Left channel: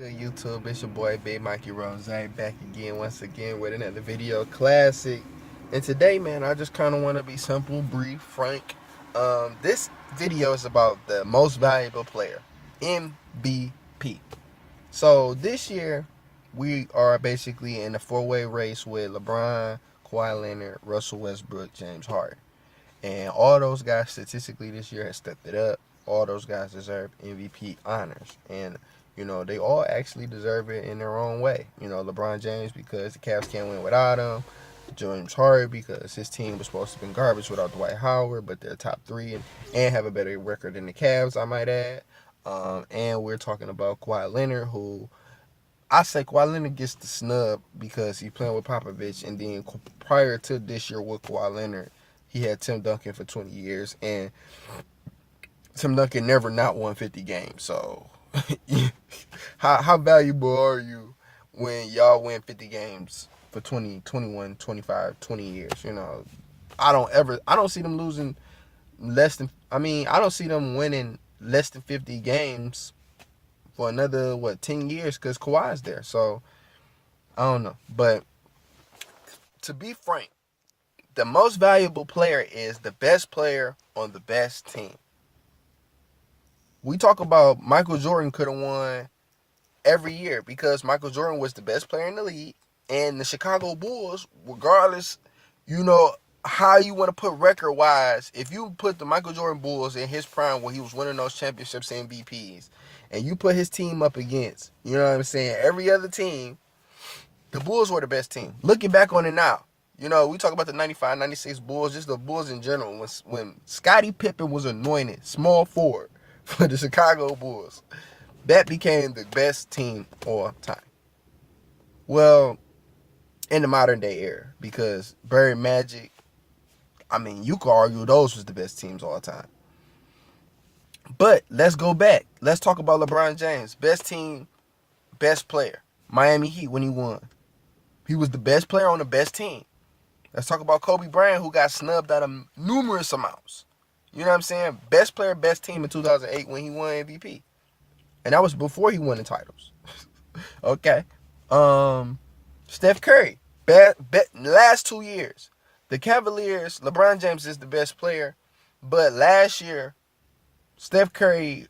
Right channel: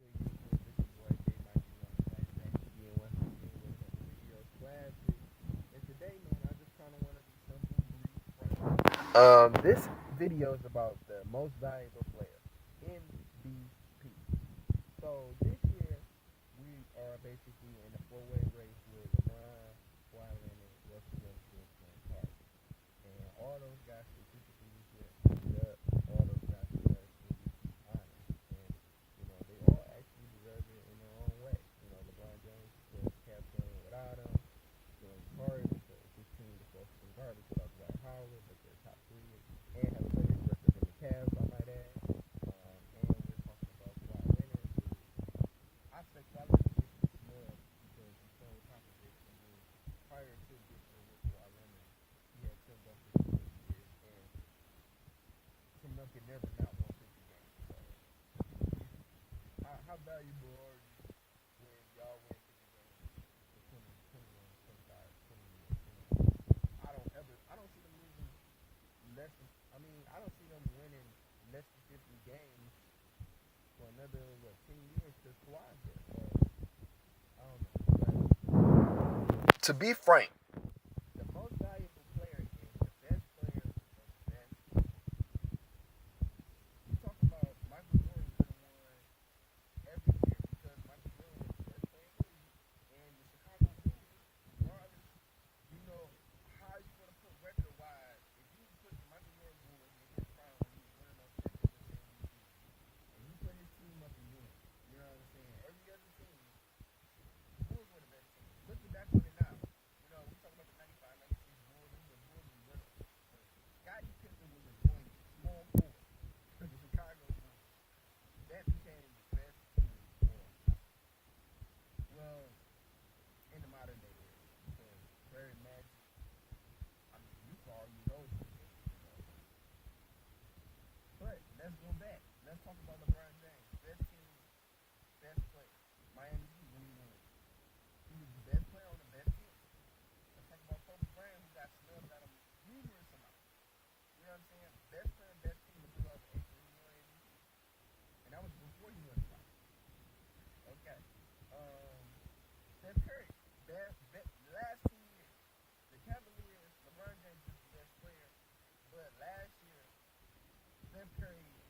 Good YouTube, it's your boy Big Mikey Rose back again once again with another video classic. And today, man, I just kind of want to be simple, brief, frank. This video is about the most valuable player, MVP. So this year, we are basically in a four-way race with LeBron, Kawhi Leonard, Russell Westbrook, James Harden. And all those guys statistically this year have stepped it up. All those guys deserve MVP honors. And, they all actually deserve it in their own way. LeBron James because the Cavs can't win without him. James Harden because his team was supposed to be garbage without Dwight Howard, but they're top three and have a better record than the Cavs, I might add. And we're talking about Kawhi Leonard, who I say Kawhi Leonard gets the snub because he's playing with Popovich, and then prior to this year with Kawhi Leonard, he had Tim Duncan for 20 years, and Tim Duncan never not won 50 games. So, how valuable are you when y'all win 50 games for 20, 21, 25, 20 years? I don't see them losing I don't see them winning less than 50 games for another, 10 years because Kawhi's there. So, I don't know. But to be frank, the most valuable player is the best player on the best team. We talk about Michael Jordan could have won every year because Michael Jordan was the best player in the league, and the Chicago Bulls, regardless, how you want to put record wise, if you put the Michael Jordan Bulls in his prime where he was winning those championships and MVPs, and you put his team up against, every other team, the Bulls were the best team. Looking back on it now, we talk about the 95, 96 Bulls, just the Bulls in general. When Scottie Pippen was anointed small forward for the Chicago Bulls, that became the best team all time. Well, in the modern day era, because Barry Magic, you could argue those was the best teams all time. But let's go back. Let's talk about LeBron James. Best team, best player. Miami Heat when he won. He was the best player on the best team. Let's talk about Kobe Bryant, who got snubbed out of numerous amounts. You know what I'm saying? Best player, best team in 2008 when he won MVP. And that was before he won the titles. Okay. Steph Curry, last 2 years. The Cavaliers, LeBron James is the best player. But last year, Steph Curry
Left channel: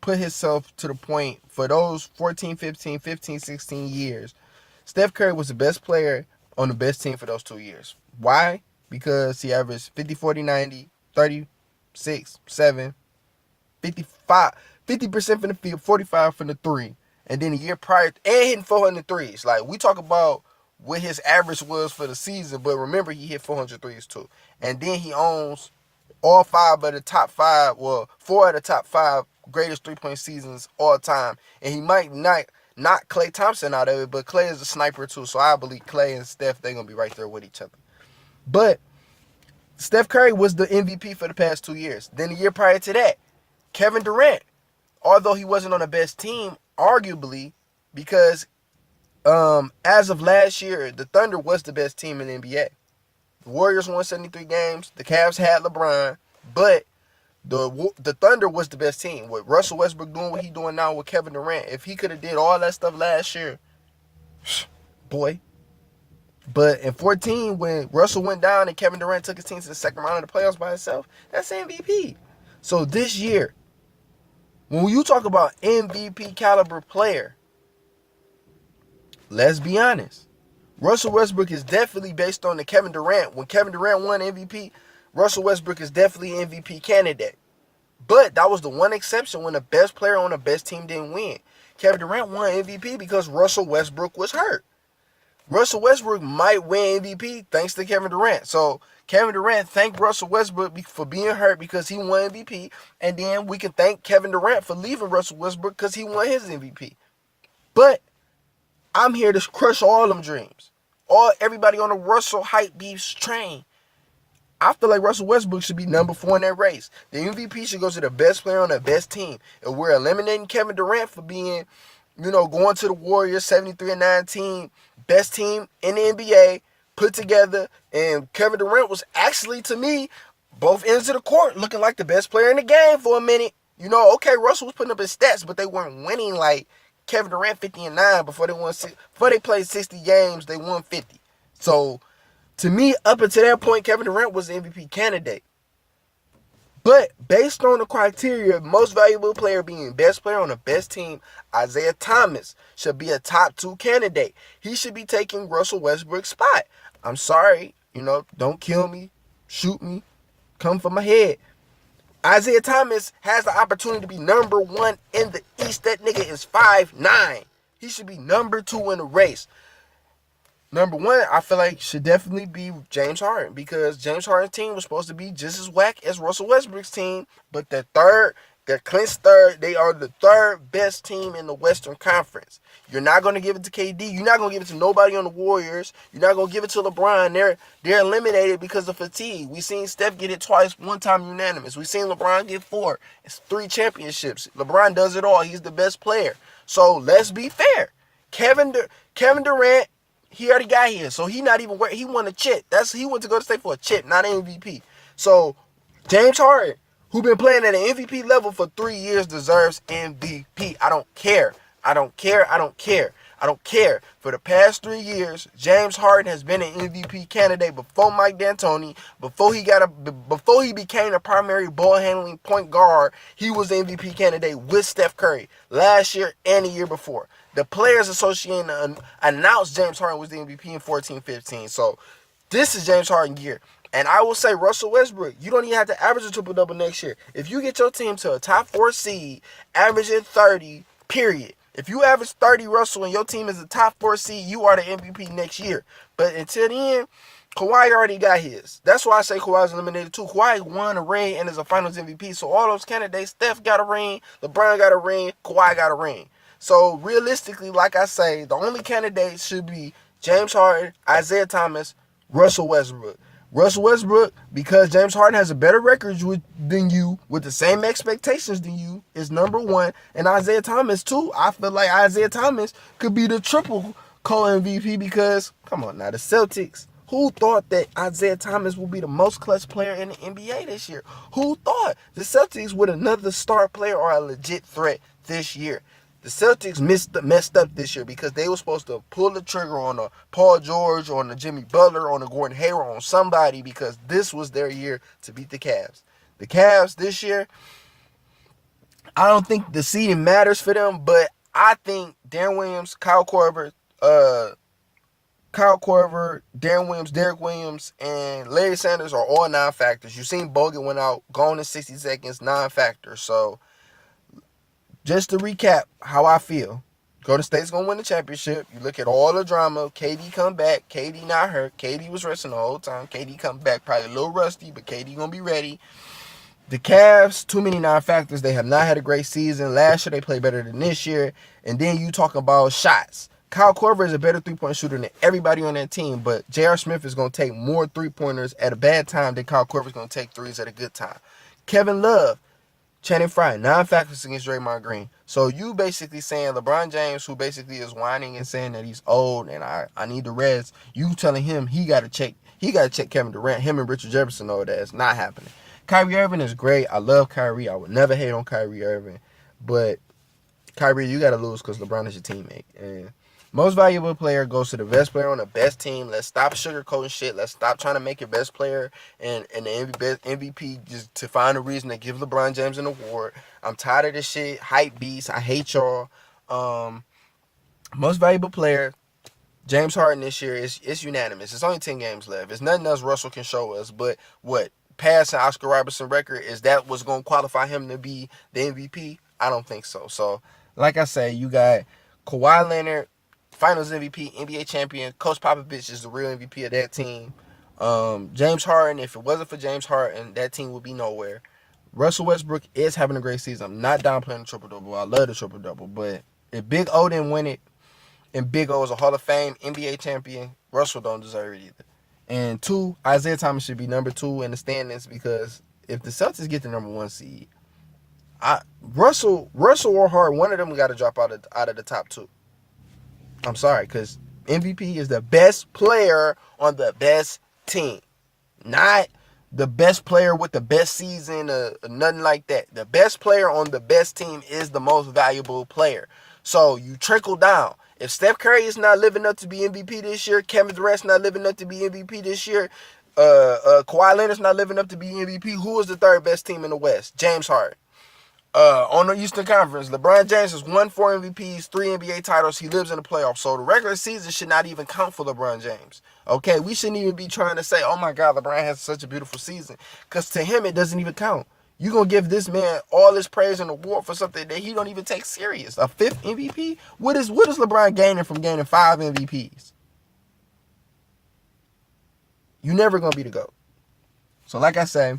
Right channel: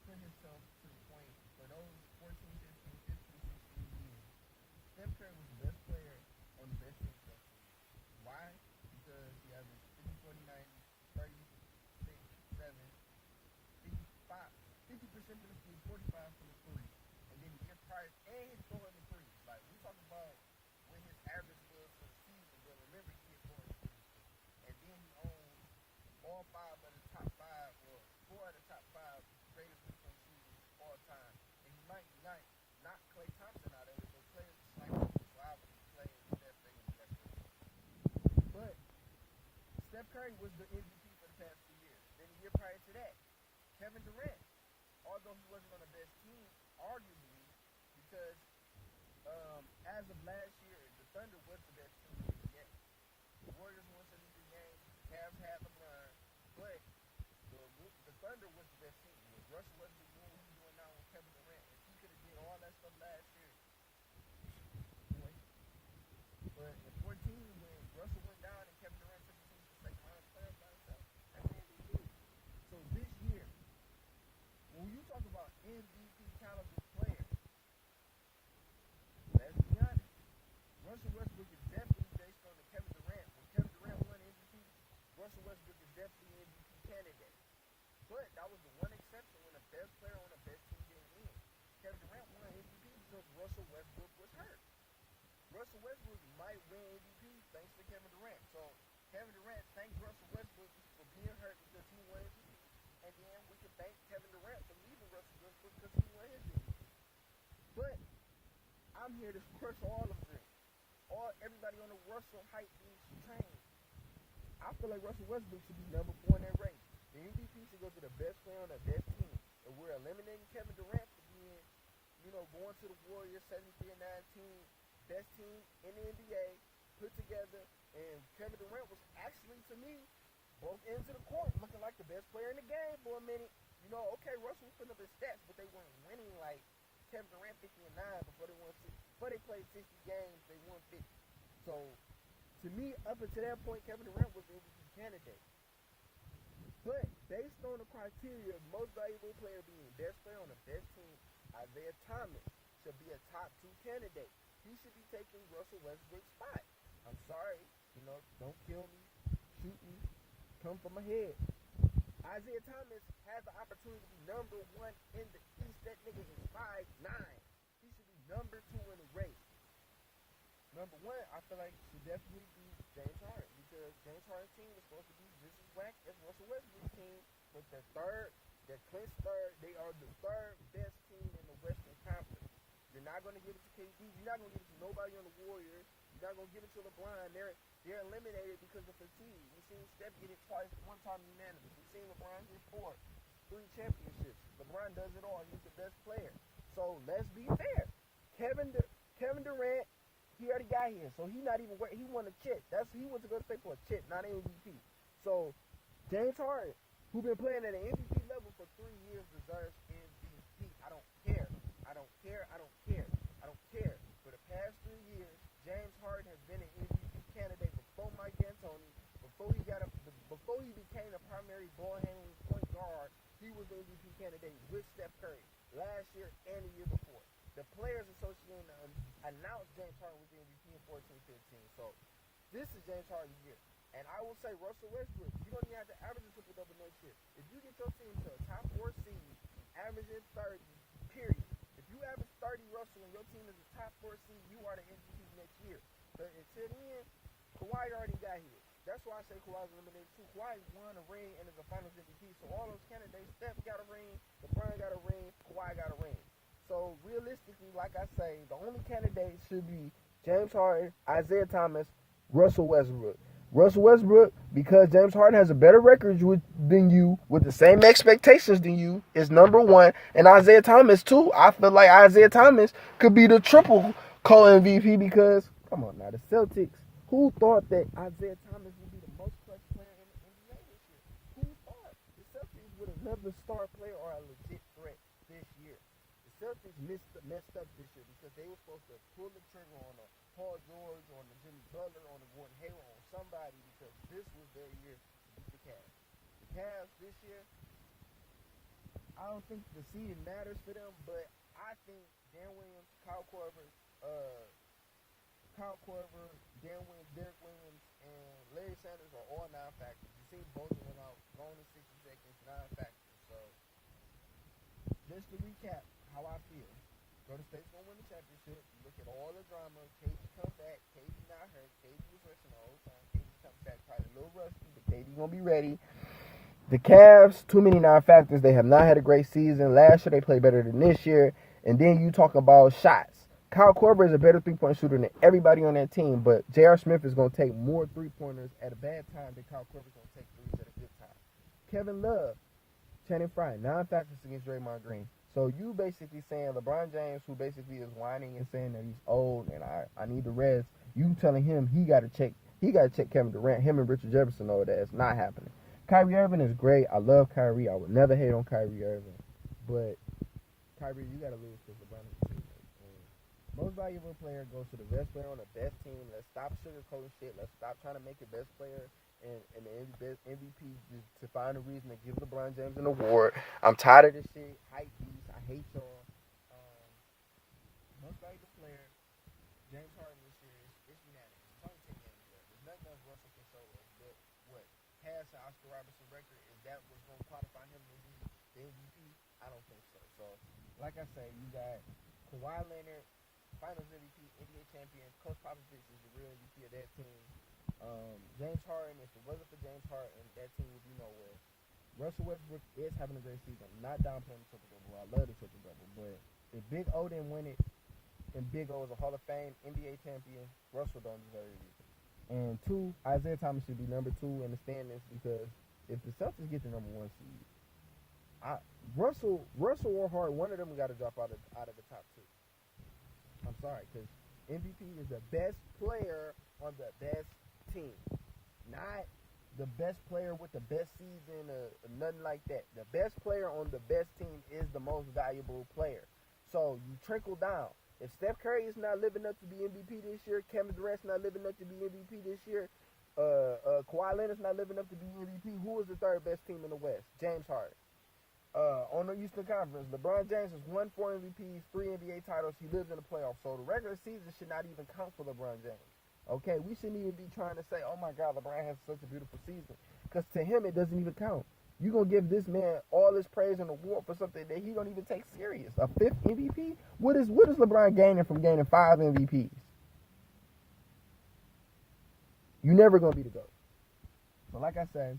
put himself to the point for those 14, 15, 15, 16 years. Steph Curry was the best player on the best team for those 2 years. Why? Because he averaged 50, 40, 90, 36, 7, 55, 50% from the field, 45 from the three. And then a year prior, and hitting 400 threes. Like, we talk about what his average was for the season, but remember, he hit 400 threes too. And then he owns all four of the top five greatest three-point seasons all time. And he might not Klay Thompson out of it, but Klay is a sniper too. So I believe Klay and Steph, they're going to be right there with each other. But Steph Curry was the MVP for the past 2 years. Then the year prior to that, Kevin Durant, although he wasn't on the best team, arguably, because as of last year, the Thunder was the best team in the NBA. The Warriors won 73 games. The Cavs had LeBron, but the Thunder was the best team. With Russell Westbrook doing what he's doing now with Kevin Durant, if he could have did all that stuff last year, boy. But in 14, when Russell went down and Kevin Durant took his team to the second round of the playoffs by himself, that's MVP. So this year, when you talk about MVP caliber player, let's be honest. Russell Westbrook is definitely based on the Kevin Durant. When Kevin Durant won MVP, Russell Westbrook is definitely an MVP candidate. But that was the one exception when the best player on the best team didn't win. Kevin Durant won MVP because Russell Westbrook was hurt. Russell Westbrook might win MVP thanks to Kevin Durant. So Kevin Durant thanked Russell Westbrook for being hurt because he won MVP. And then we can thank Kevin Durant for leaving Russell Westbrook because he won his MVP. But I'm here to crush all them dreams. Everybody on the Russell hype beefs train. I feel like Russell Westbrook should be number 4 in that race. The MVP should go to the best player on the best team. And we're eliminating Kevin Durant for being, going to the Warriors, 73-19, best team in the NBA, put together. And Kevin Durant was actually, to me, both ends of the court, looking like the best player in the game for a minute. Okay, Russell was putting up his stats, but they weren't winning like Kevin Durant 50-9 before they played 60 games. They won 50. So to me, up until that point, Kevin Durant was the MVP candidate. But based on the criteria, most valuable player being best player on the best team, Isaiah Thomas should be a top 2 candidate. He should be taking Russell Westbrook's spot. I'm sorry, don't kill me, shoot me, come for my head. Isaiah Thomas has the opportunity to be number 1 in the East. That nigga is 5'9". He should be number 2 in the race. Number 1, I feel like should definitely be James Harden, because James Harden's team was supposed to be just as whack as Russell Westbrook's team, but they're clinched third. They are the third best team in the Western Conference. You're not going to give it to KD. You're not going to give it to nobody on the Warriors. You're not going to give it to LeBron. They're eliminated because of fatigue. We've seen Steph get it twice, one time unanimous. We've seen LeBron get 4. It's 3 championships. LeBron does it all. He's the best player. So let's be fair. Kevin Durant, he already got here, so he not even he won a chip. He went to go to state for a chip, not an MVP. So James Harden, who been playing at an MVP level for 3 years, deserves MVP. I don't care. For the past 3 years, James Harden has been an MVP candidate before Mike D'Antoni. Before he became a primary ball handling point guard, he was the MVP candidate with Steph Curry last year and the year before. The Players Association announced James Harden was the MVP in 14-15. So this is James Harden year. And I will say, Russell Westbrook, you don't even have to average a triple-double next year. If you get your team to a top 4 seed, averaging 30, period. If you average 30, Russell, and your team is a top 4 seed, you are the MVP next year. But until then, Kawhi already got his. That's why I say Kawhi's eliminated too. Kawhi won a ring and is a Finals MVP. So all those candidates, Steph got a ring, LeBron got a ring, Kawhi got a ring. So realistically, like I say, the only candidates should be James Harden, Isaiah Thomas, Russell Westbrook. Russell Westbrook, because James Harden has a better record than you, with the same expectations than you, is number 1. And Isaiah Thomas, too. I feel like Isaiah Thomas could be the triple co-MVP because, come on now, the Celtics. Who thought that Isaiah Thomas would be the most clutch player in the NBA this year? Who thought the Celtics with another star player are a legit threat this year? The Celtics messed up this year because they were supposed to pull the trigger on a Paul George, on a Jimmy Butler, on a Gordon Hayward, on somebody, because this was their year to beat the Cavs. The Cavs this year, I don't think the seeding matters for them, but I think Darren Williams, Kyle Korver, Darren Williams, Derek Williams, and Larry Sanders are all non-factors. You've seen Bogut went out, gone in 60 seconds, non-factors. So just to recap how I feel, Golden State's going to win the championship. You look at all the drama. KD come back. KD not hurt. KD was resting the whole time. KD come back probably a little rusty, but KD going to be ready. The Cavs, too many non-factors. They have not had a great season. Last year, they played better than this year. And then you talk about shots. Kyle Korver is a better three-point shooter than everybody on that team, but J.R. Smith is going to take more three-pointers at a bad time than Kyle Korver is going to take threes at a good time. Kevin Love, Channing Frye, non-factors against Draymond Green. So you basically saying LeBron James, who basically is whining and saying that he's old and I need the rest, you telling him he got to check Kevin Durant. Him and Richard Jefferson know that it's not happening. Kyrie Irving is great. I love Kyrie. I would never hate on Kyrie Irving. But Kyrie, you got to lose because LeBron is your teammate. And most valuable player goes to the best player on the best team. Let's stop sugarcoating shit. Let's stop trying to make your best player and the MVP just to find a reason to give LeBron James an award. I'm tired of this shit. Hype beast. I hate y'all. Most valuable player, James Harden this year, it's unanimous. It's only 10 games left. It's nothing else Russell can show us. But what? Passing Oscar Robertson record, is that what's going to qualify him to be the MVP? I don't think so. So, like I say, you got Kawhi Leonard, Finals MVP, NBA champion. Coach Popovich is the real MVP of that team. James Harden, if it wasn't for James Harden, that team would be nowhere. Russell Westbrook is having a great season. I'm not downplaying the triple-double. I love the triple-double. But if Big O didn't win it, and Big O is a Hall of Fame NBA champion, Russell don't deserve it either. And 2, Isaiah Thomas should be number 2 in the standings, because if the Celtics get the number 1 seed, Russell or Harden, one of them got to drop out of the top 2. I'm sorry, because MVP is the best player on the best team. Not the best player with the best season, nothing like that. The best player on the best team is the most valuable player. So you trickle down. If Steph Curry is not living up to be MVP this year, Kevin Durant's not living up to be MVP this year, Kawhi Leonard's not living up to be MVP, who is the third best team in the West? James Harden. On the Eastern Conference, LeBron James has won 4 MVPs, 3 NBA titles. He lives in the playoffs. So the regular season should not even count for LeBron James. Okay, we shouldn't even be trying to say, oh my God, LeBron has such a beautiful season. Because to him, it doesn't even count. You're going to give this man all this praise and award for something that he don't even take serious. A 5th MVP? What is LeBron gaining from gaining 5 MVPs? You never going to be the GOAT. So like I say,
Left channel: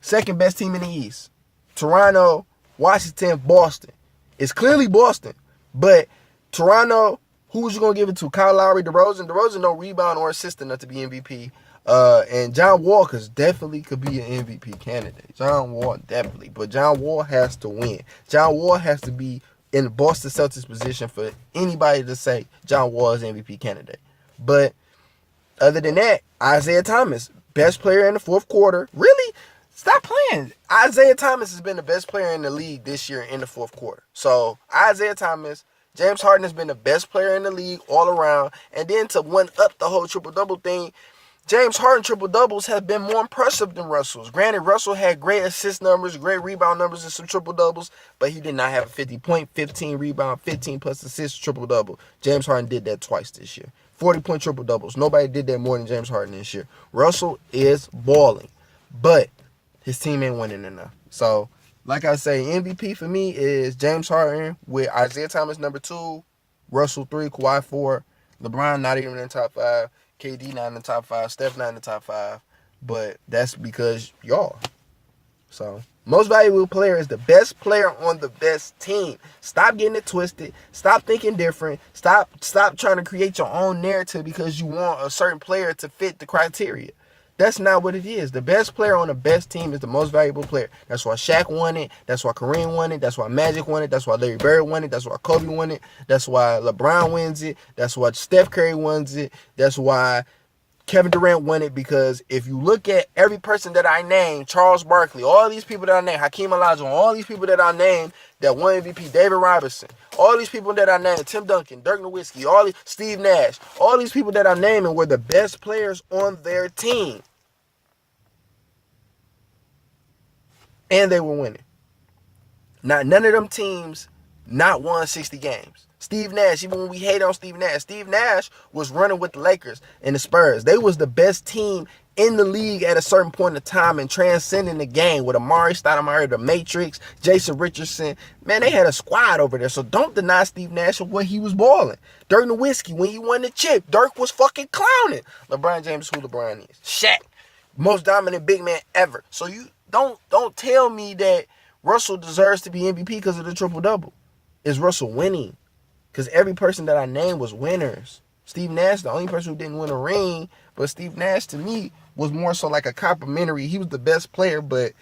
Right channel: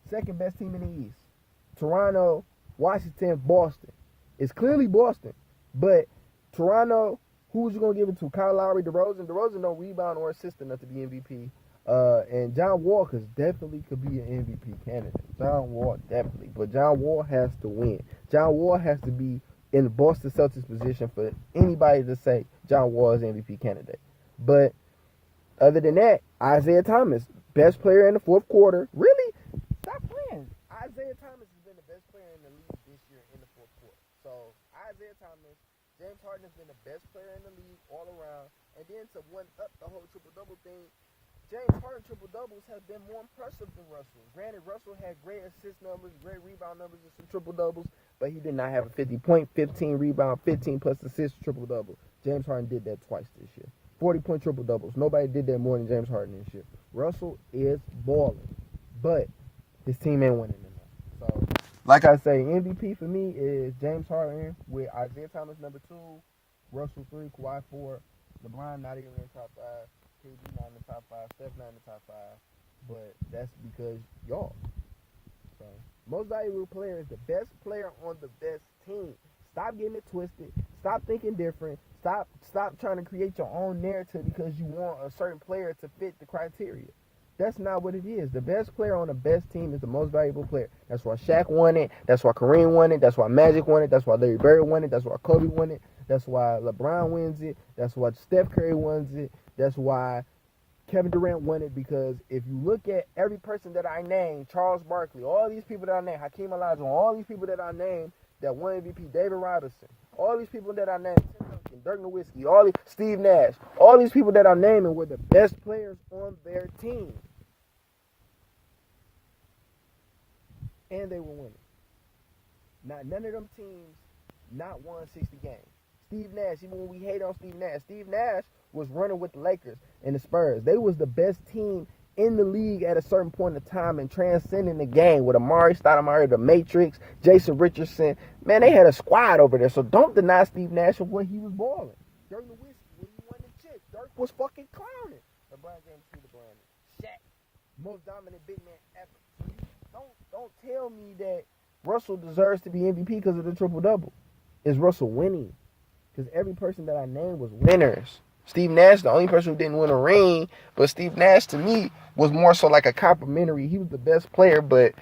second best team in the East. Toronto, Washington, Boston. It's clearly Boston. But Toronto, who's you going to give it to? Kyle Lowry, DeRozan? DeRozan no rebound or assist enough to be MVP. And John Wall definitely could be an MVP candidate. John Wall, definitely. But John Wall has to win. John Wall has to be in the Boston Celtics position for anybody to say John Wall is MVP candidate. But other than that, Isaiah Thomas, best player in the fourth quarter. Really? Stop playing. Isaiah Thomas has been the best player in the league this year in the fourth quarter. So, Isaiah Thomas, James Harden has been the best player in the league all around. And then to one up the whole triple-double thing, James Harden triple-doubles have been more impressive than Russell's. Granted, Russell had great assist numbers, great rebound numbers, and some triple-doubles, but he did not have a 50-point, 15 rebound, 15-plus assist triple-double. James Harden did that twice this year. 40-point triple-doubles. Nobody did that more than James Harden this year. Russell is balling, but his team ain't winning enough. So, like I say, MVP for me is James Harden with Isaiah Thomas number 2, Russell 3, Kawhi 4, LeBron not even in the top 5, KD not in the top 5, Steph not in the top 5, but that's because y'all. So, most valuable player is the best player on the best team. Stop getting it twisted. Stop thinking different. Stop trying to create your own narrative because you want a certain player to fit the criteria. That's not what it is. The best player on the best team is the most valuable player. That's why Shaq won it. That's why Kareem won it. That's why Magic won it. That's why Larry Bird won it. That's why Kobe won it. That's why LeBron wins it. That's why Steph Curry wins it. That's why Kevin Durant won it, because if you look at every person that I named, Charles Barkley, all these people that I named, Hakeem Olajuwon, all these people that I named that won MVP, David Robinson, all these people that I named, Tim Duncan, Dirk Nowitzki, all these, Steve Nash, all these people that I named were the best players on their team. And they were winning. None of them teams not won 60 games. Steve Nash, even when we hate on Steve Nash was running with the Lakers and the Spurs. They was the best team in the league at a certain point in time and transcending the game with Amari Stoudemire, the Matrix, Jason Richardson. Man, they had a squad over there. So don't deny Steve Nash of what he was balling. Dirk Nowitzki, when he won the chip, Dirk was fucking clowning. LeBron James, who LeBron is. Shaq, most dominant big man ever. So you don't tell me that Russell deserves to be MVP because of the triple-double. Is Russell winning? Because every person that I named was winners. Steve Nash, the only person who didn't win a ring, but Steve Nash to me was more so like a complimentary. He was the best player, but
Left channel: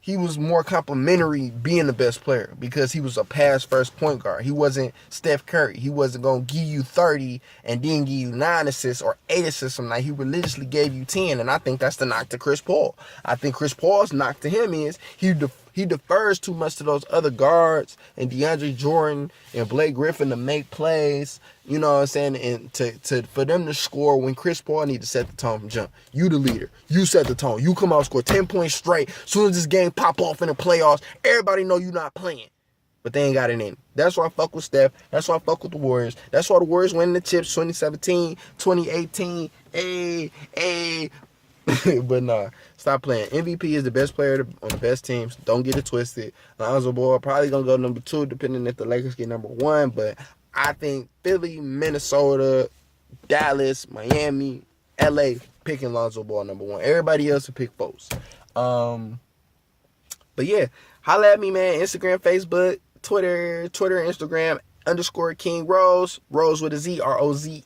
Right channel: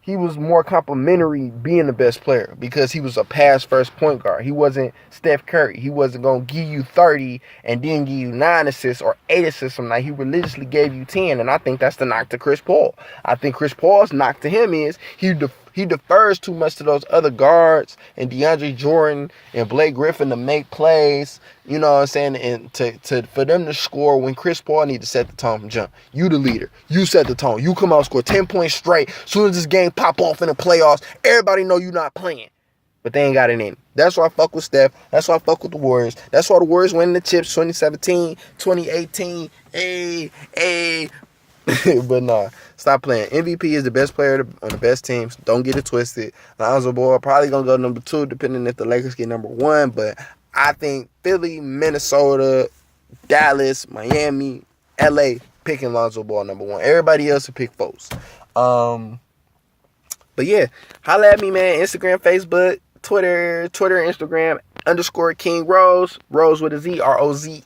he was more complimentary being the best player because he was a pass-first point guard. He wasn't Steph Curry. He wasn't going to give you 30 and then give you 9 assists or 8 assists some night. He religiously gave you 10, and I think that's the knock to Chris Paul. I think Chris Paul's knock to him is he defers too much to those other guards and DeAndre Jordan and Blake Griffin to make plays, you know what I'm saying, and for them to score when Chris Paul need to set the tone from jump. You the leader. You set the tone. You come out, score 10 points straight. As soon as this game pop off in the playoffs, everybody know you not playing. But they ain't got it in. That's why I fuck with Steph. That's why I fuck with the Warriors. That's why the Warriors winning the chips 2017, 2018. Hey. But nah, stop playing. MVP is the best player on the best teams. Don't get it twisted. Lonzo Ball probably going to go number 2, depending if the Lakers get number 1. But I think Philly, Minnesota, Dallas, Miami, LA picking Lonzo Ball number 1. Everybody else will pick Foles. But yeah, holla at me, man. Instagram, Facebook, Twitter, Instagram, _ King Rose. Rose with a Z, ROZE.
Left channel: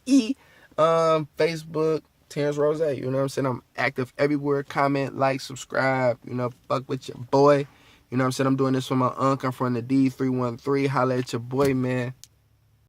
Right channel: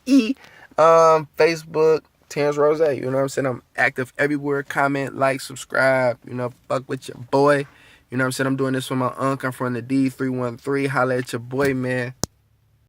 Facebook, Terrence Rose, you know what I'm saying? I'm active everywhere. Comment, like, subscribe, you know, fuck with your boy. You know what I'm saying? I'm doing this for my uncle. I'm from the D313. Holla at your boy, man.